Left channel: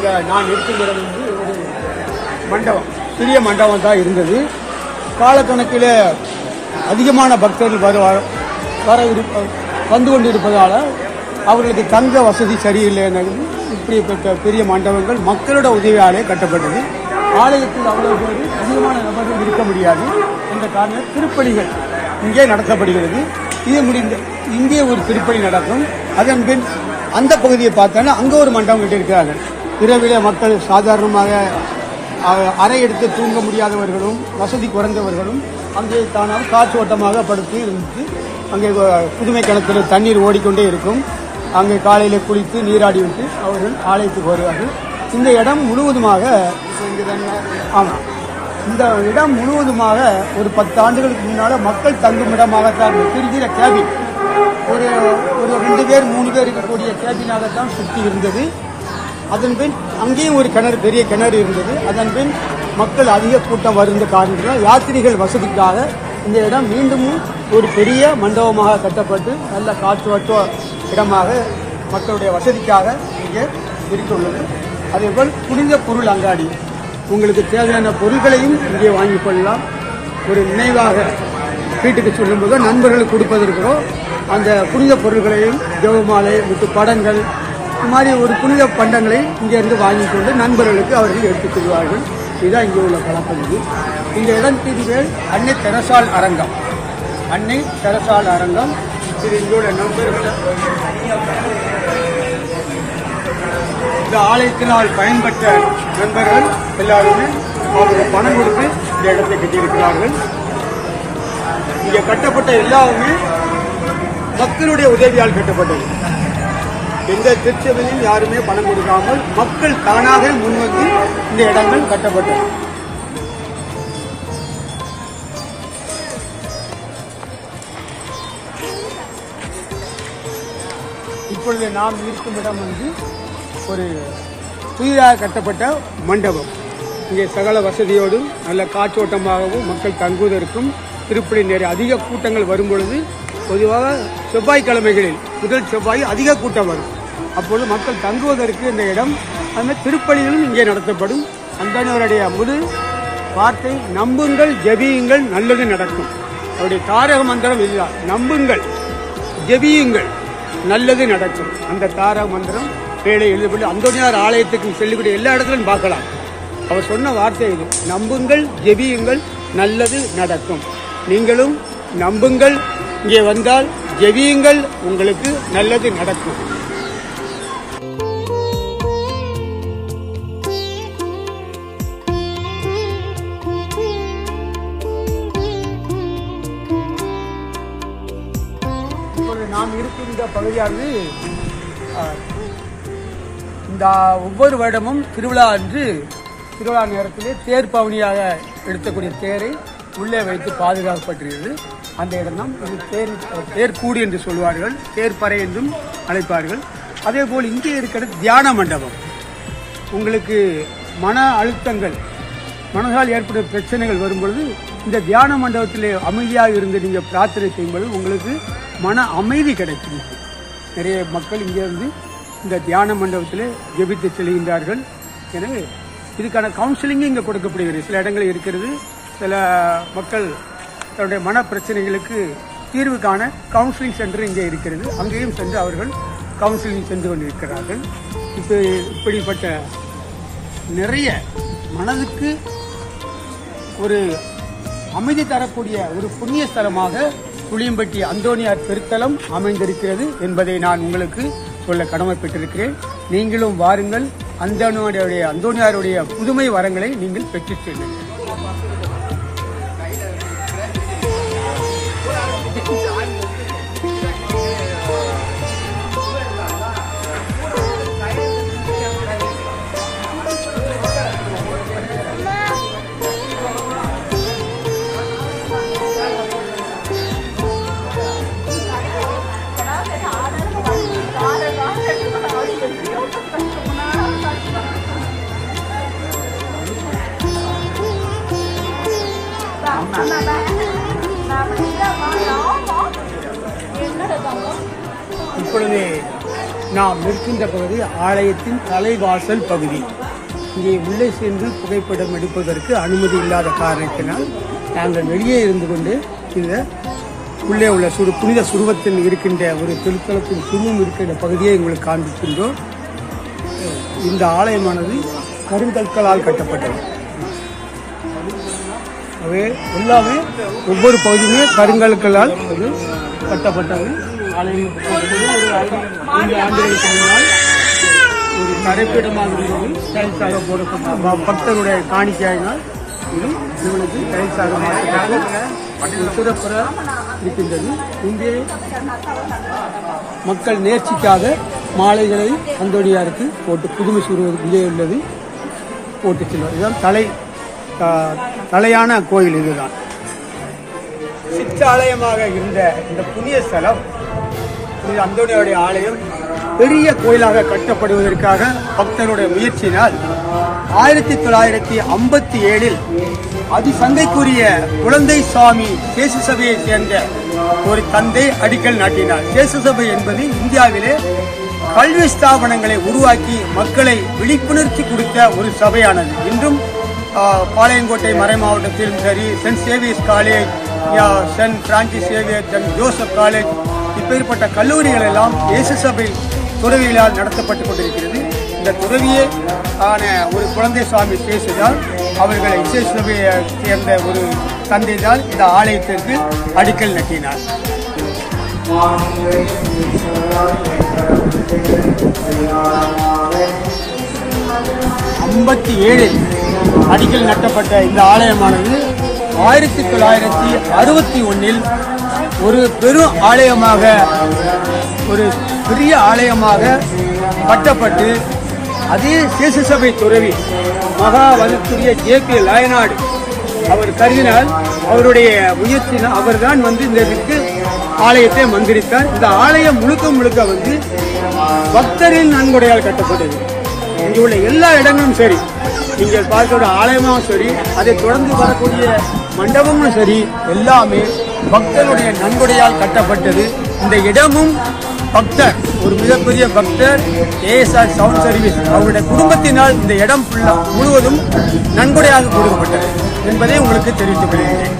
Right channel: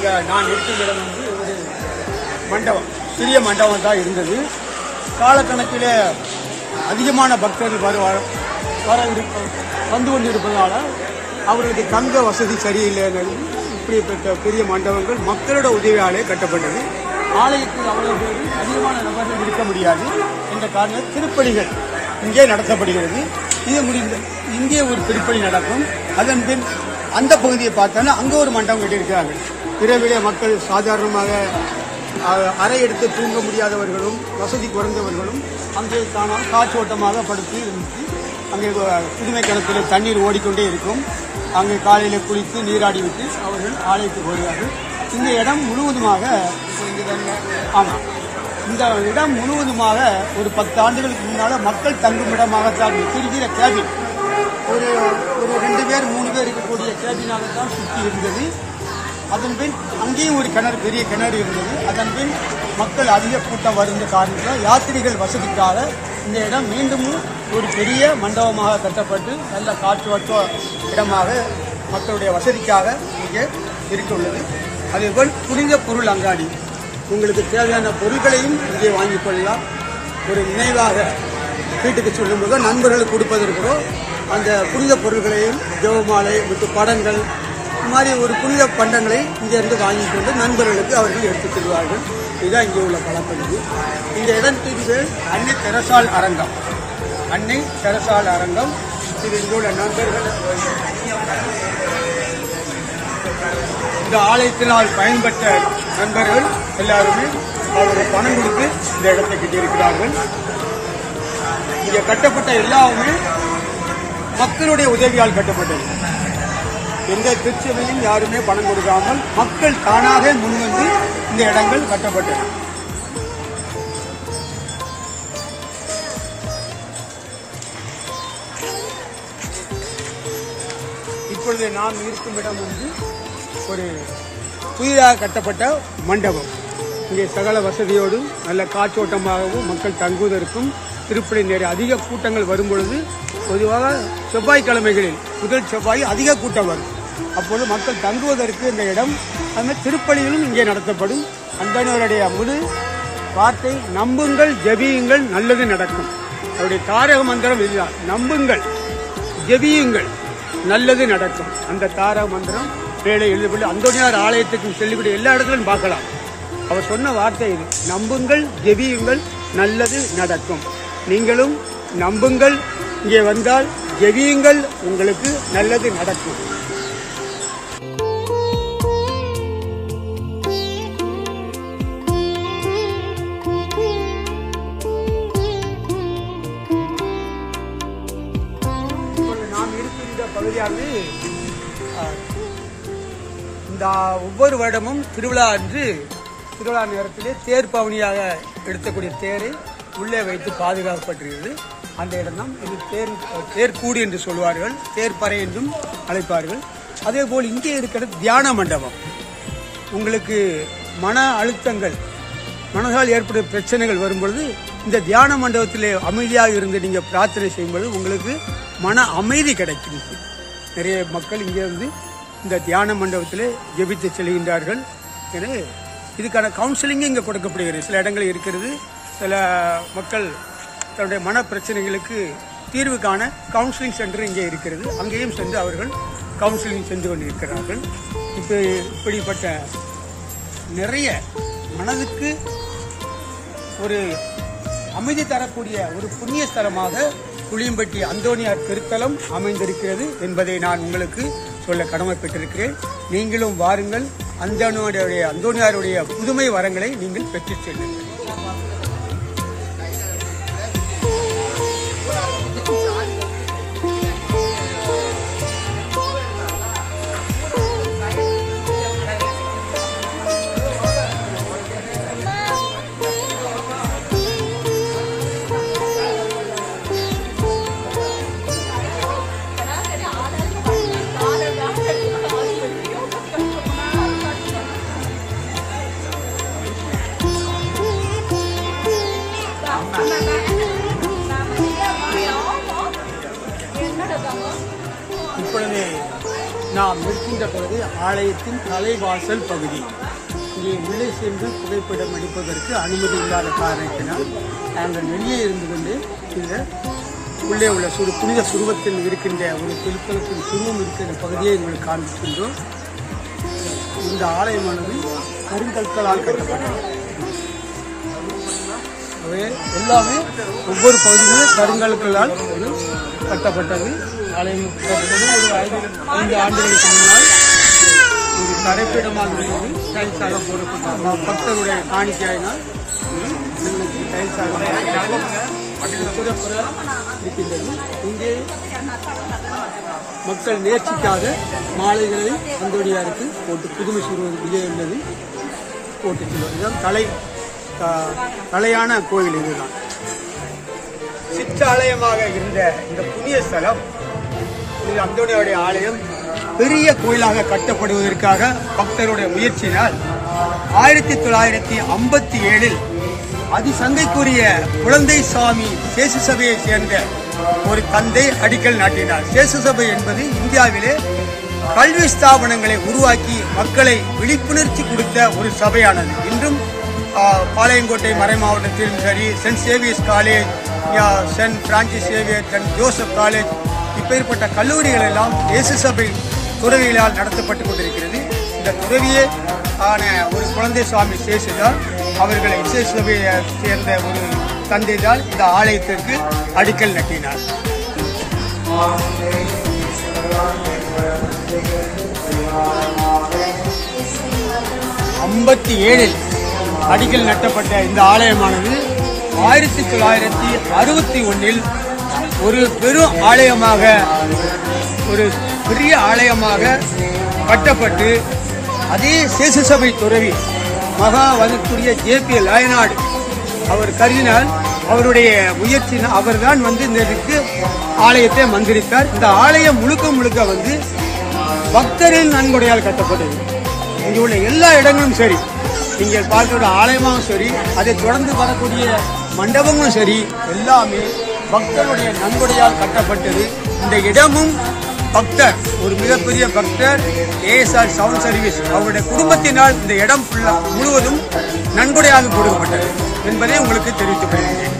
இங்கே நான் இருக்கும் இடம் வந்து ஒரு மண்டபம், சிறிய மண்டபம் தான் இருந்தது. காலக்கணக்கில் அதிகமான பக்தர்கள் வந்து கொண்டிருப்பதால் அவர்களுக்கு தங்க வசதி சரியில்லை. இப்படிப்பட்ட பெரிய மண்டபங்கள் மக்களோட உதவியாலே கட்டப்பட்டது. ஆலயத்தில் அவ்வளவு பேர் அதிகமான நபர்கள் இருக்க முடியாது என்ற காரணம் திருப்பணிகள் இங்கே நடத்தப்படுகிறது. இது முடிந்த இங்கே ஒரு திருப்பணி நடக்கும். அதன் பின் அந்த பகுதியை பார்த்தோன்னா அங்கே ஒரு மண்டபம் கட்டியிருக்கிறார்கள். இரவிலே மக்கள் சாதாரணமாக அறை எடுத்து தூங்க முடியாதவர்களும் வசதி குறைந்தவர்களும் அங்கே தானாக காற்றோட்டமாக படுத்து இருந்துச்சு. அங்கே புதுமை கிணத்துல தண்ணீர் ஓடிக்கொண்டே இருக்கும். அங்கே காலையில் குளித்து நீராடி விட்டு அவர்கள் ஆலயத்துக்கு வருவார்கள். இந்த இடம் முழுவதுமாக ஆமாம், இந்த இடம் முழுவதுமாக ஒரு 10 ஆண்டுகளுக்கு முன்னால் மக்கள் தங்கும் இடமாகத்தான் திருகிற கேபின், ஒரு 2 பேர் 3 பேர் இருக்கக்கூடிய கேபினாகத்தான் சுற்றி இருந்தது. அதன் பின் அங்கேயும் ஒரு கிணறு, பெரிய கிணறு இருந்தது. அதன் பின் மக்கள் அதிக கூட்டம் வருகின்ற காரணத்தில் யாத்திரிகள் வசதிக்காக இந்த இடம் மீண்டும் ஒரு பெரிய மண்டபமாக கட்டப்பட்டு நல்ல காற்றோட்ட இடமாக மக்களுடைய வசதிக்காக இங்கே இருந்துள்ளது. அதேபோல் புனித பொருள் அங்காடி, உங்களுக்கு தேவையான பொருட்களையும் இங்கே வாங்கிக் கொள்ளலாம். ஒரு நினைவாக வீட்டுக்கு சொல்லும்போது நண்பர்களுக்கு கொடுப்பதற்கோ அந்த புனித பொருட்களையும் ஜெபமாலை விட்டு படங்கள் இந்த மாதிரி ஒரு புனித பண்டங்களை இங்கிருந்து வாங்கிக் கொண்டு நண்பர்களுக்கு அவர்கள் எடுத்துச் செல்வார்கள். இதுதான் இங்கே உள்ள பழக்கம். இந்த இடத்தின் பேர் அன்னை தெரசால் அரங்கம். அன்னை தெரசால் அரங்கம். இது எங்களுடைய நண்பர்கள் இந்த ஆலயத்தினால் பயன்பெற்ற நண்பர்கள் எல்லாருமே அவருடைய பணம் கொடுத்து இந்த இடத்தை கட்டியிருக்கிறார்கள். இங்கே கட்டப்பட்ட எல்லாருமே மக்களுடைய உதவியால் கட்டப்பட்டது. எந்த திருச்சபையும் யாருமே பணம் கொடுக்காமல் மக்கள் தானாக முன்வந்து இந்த இடங்கள் கட்டப்பட்டது. இப்பொழுது நாம் இருக்கும் இடம் வந்து ஒரு புதிதாக கட்டப்பட்ட மண்டபம். இங்கே சகல வசதியோடும் நல்ல காற்றோட்டமாகவும் மக்கள் தங்குவதற்கும் திருப்பணி நேர அதிக கூட்டங்கள் வரும்பொழுது பொதுவாக செவ்வாய்க்கிழமைகளில் முதல் செவ்வாய் அதிக கூட்டம் வரும். அப்பொழுது மக்கள் தங்குவதற்கு இந்த இடம், அந்த திருப்பணிகளும் இங்கே நடத்தப்படும். அந்தனருடைய முதல் வார்த்தை நம்புங்கள், ஜெபியுங்கள், நல்லது நடக்கும். அவருடைய தாரக மந்திரம் இதுதான், நம்புங்கள், ஜெபியுங்கள், நல்லது நடக்கும். அந்த தாரக மந்திரம் வேலை எழுதப்பட்டு அந்தோனியார் ஆலயத்துக்கு செல்லக்கூடிய எல்லா இடத்திலும் பார்க்கலாம். அவர் சொன்ன வார்த்தை இது, நம்புங்கள், ஜெபியுங்கள், நல்லது நடக்கும். நீங்களும் நம்புங்கள், இங்கே வந்தால் ஜெபியுங்கள், உங்களுக்கு நல்லது நடக்கும். நாம் இருக்கின்ற பகுதியானது இந்த ஒவ்வொரு வருடமும் திருவிழா அன்று திருவிழா நேரத்திலே தேர் பவனியாக எடுத்தக்கூடிய தேரை உள்ளே வைத்து பாதுகாக்கப்பட்டிருக்கிறது. அந்த இடம்தான் இது தேர்கூடு என்று சொல்வார்கள், தேர்ப்பறை என்றும் அழைப்பார்கள். அதே போல் இங்கே இருக்கிற தியான மண்டபம். உங்களுக்கு மன அழுத்தங்கள், மனதால் ஏற்படும் பிரச்சனைகள் வரும்பொழுது இந்த தியான மண்டபத்திலே அமைதியாக இருந்து நீங்கள் பிரார்த்தனை செய்யும்போது உங்களுக்கு மன அமைதி கிடைக்கும். நிறைய மக்கள் இங்கே இருந்து இந்த தியான மண்டபத்திலே ஜெபித்து செல்கின்றார்கள். எனவே இதுக்கான கவுன்சிலிங்கும் இங்கே கொடுக்கப்படுகிறது. சில இடங்கள் இருக்கிறது. சில மக்கள் தன்னுடைய மன பிரச்சனைகளுக்கு தீர்வு காண கவுன்சிலிங் சென்டர் இங்கே இருக்கிறது. அங்கேயும் சென்று அவர்கள் கவுன்சிலிங் சென்று கொண்டிருக்கிறார்கள். இப்படிப்பட்ட நிறைய மனதுக்கு ஒரு அமைதி தரக்கூடிய ஒரு புண்ணிய ஸ்தலமாக புளியம்பட்டி அந்தோனியார் திருத்தலம் அமைந்திருக்கிறது என்பதை நான் உங்களுக்கு சொல்ல கடமைப்பட்டிருக்கிறேன். நீங்களும் வாருங்கள், அந்தோனியாருடைய புதுமை வரங்களை நீங்கள் பெற்றுச் செல்லுங்கள். இப்பொழுது நாம் நிற்கின்ற பகுதி ஆலயத்தின் தலைவாசல் பகுதி. இங்கே உள்ளே சென்று புகைப்படம் எடுப்பதற்கு அனுமதி இல்லாத காரணத்தினால் நாங்கள் வெளியே இருந்து கொண்டு இந்த உள்ளே உள்ள புனித சுரூபத்தில் இருக்கின்ற ஒரு திருத்தலத்தின் சுருவம் இருக்கின்ற பகுதியை எங்களுக்கு காண்பிக்கின்றோம். இந்த ஆலயமானது கருங்கற்களால் கட்டப்பட்டது. எல்லாமே ஒவ்வொரு பகுதியுமே கருங்கற்களால் கட்டப்பட்டது. ஆலயம் 5 ஆண்டுகளுக்கு முன்னால் ஒரு தரைப்பீடமாக இருந்தது. டைல்ஸாக போடப்பட்டு பக்தருடைய காணிக்கையினால் உங்களுக்கு டைல்ஸாக இருக்கின்றது. இங்கே மக்கள் நேர்ச்சிக்காக மாலைகளை அந்தோடியாருக்கு போட்டு புதுமை சூழ்நிலை உள்ளது போட்டு செல்வது. இதுதான் தலையான கோயில். இதுதான் சிற்றாலயமாக இருந்த இந்த புண்ணிய ஸ்தலம் அந்தோனியாருடைய ஆலயம் பெரிய கோயிலாக கட்டப்படுவதற்காக பக்தருடைய முயற்சியினால் 1957 அதிசங்கைக்குரிய குழந்தை சுவாமி சேசு சபையை சேர்ந்த ஒரு தந்தை அடிக்கல் நாட்டினார். சேசு சபை என்பது இந்தியாவிலே கல்வி ஸ்தாபனங்களை உருவாக்கி மக்களை விழிப்புணர்ச்சி கொடுத்த ஒரு சபையானது. இன்றும் பாளையங்கோட்டை மறை மாவட்டத்தில் சரி, saint Xavier's college, saint Francis Xavier, saint Joseph college, இப்பேற்பட்ட கல்லூரிகள் எல்லாம் இயேசு சபை துறவிகளால் நடத்தப்பட்டுக் கொண்டிருக்கிறது. இந்த துறவியே ஆன ஒரு குழந்தை சுவாமி சேசுதான் அவர்களை இயேசு சபையை சேர்ந்த ஒரு தந்தைதான் இந்த ஆலயத்திற்கு அடிக்கல் நட்டினார். 57 அடிக்கல் நட்டப்பட்ட இந்த ஆலயமானது 1961 ஒரு பெரும் ஆலயமாக, ஒரு பெரிய ஆலயமாக கட்டப்பட்டு அதே சேசு சபை துறவி மகாவனுக்குரிய JP லயனாடு அவர் கருதினால் அவருடைய முயற்சினால் அவர்தான் இந்த ஆலயத்தை மந்திரித்தார். இந்த ஆலயம் முழுக்க பக்தரின் நன்கொடையால் கட்டப்பட்டது. இங்கே உள்ள எல்லா இடங்களும் சரி, நீங்கள் பார்க்கிற ஆலயமும் சரி, அதை தொடர்ந்து வரக்கூடிய மண்டபமும் சரி, எல்லாமே பக்தருடைய நன்கொடையால் கட்டப்பட்டது. இந்த இடமும் பக்தர், ஒரு மிகப்பெரிய பக்தர் ASR சவுண்ட் சர்வீஸ் அவருடைய குடும்பத்தினால் இந்த இடம் முழுவதும் நன்கொடையாக கொடுக்கப்பட்டது என்பதை உங்களுக்கு தெரிவித்துக் கொள்கிறேன்.